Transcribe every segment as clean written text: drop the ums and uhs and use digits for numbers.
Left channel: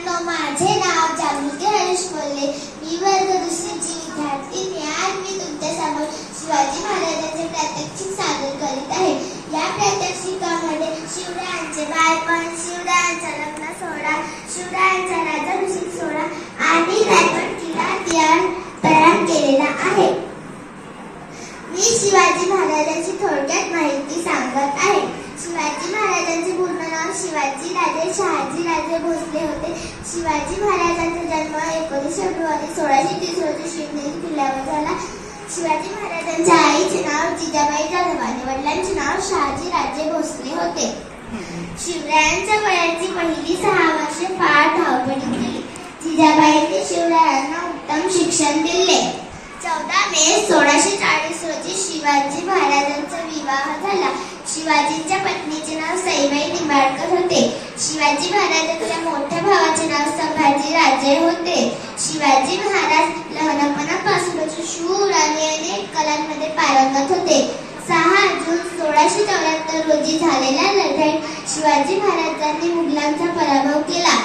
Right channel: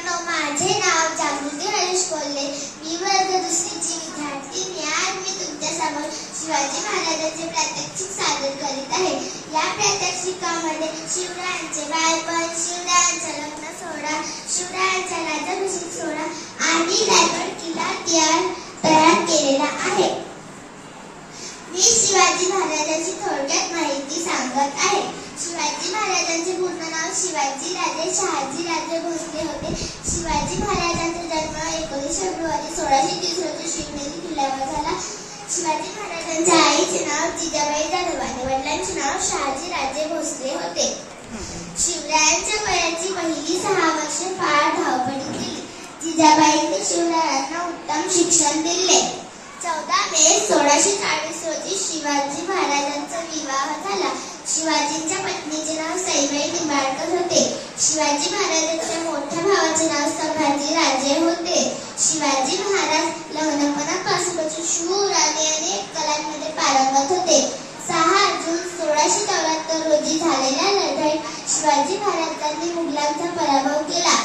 मित्रांनो, माझे नाव जागृती हरीश कोल्हे. मी वर्ग दुसरीची विद्यार्थिनी. आज मी तुमच्यासमोर शिवाजी महाराजांचे प्रात्यक्षिक सादर करीत आहे. या प्रात्यक्षिकामध्ये शिवरायांचे बालपण, शिवरायांचा लग्न सोहळा, शिवरायांचा राज्याभिषेक सोहळा आणि रायगड किल्ला तयार केलेला आहे. मी शिवाजी महाराजांची थोडक्यात माहिती सांगत आहे. शिवाजी महाराजांचे पूर्ण नाव शिवाजी राजे शहाजी राजे भोसले होते. शिवाजी महाराजांचा जन्म 19 फेब्रुवारी 1630 रोजी शिवनेरी किल्ल्यावर झाला. शिवाजी महाराजांच्या आईचे नाव जिजाबाई जाधव आणि वडिलांचे नाव शहाजी राजे भोसले होते. शिवरायांच्या वयाची पहिली 6 वर्षे फार धावपळीत गेली. जिजाबाईंनी शिवरायांना उत्तम शिक्षण दिले. 14 मे 1640 रोजी शिवाजी महाराजांचा विवाह झाला. शिवाजींच्या पत्नीचे नाव सईबाई निंबाळकर होते. शिवाजी महाराजांच्या मोठ्या भावाचे नाव संभाजी राजे होते. शिवाजी महाराज लहानपणापासूनच शूर आणि अनेक कलांमध्ये पारंगत होते. 6 जून 1674 रोजी झालेल्या लढाईत शिवाजी महाराजांनी मुघलांचा पराभव केला.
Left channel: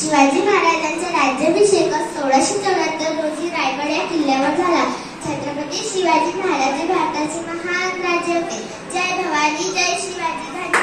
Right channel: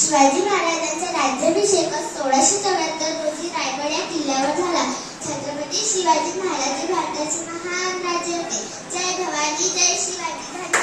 शिवाजी महाराजांचा राज्याभिषेक 1674 रोजी रायगड या किल्ल्यावर झाला. छत्रपती शिवाजी महाराज भारताचे महान राजे होते. जय भवानी, जय शिवाजी.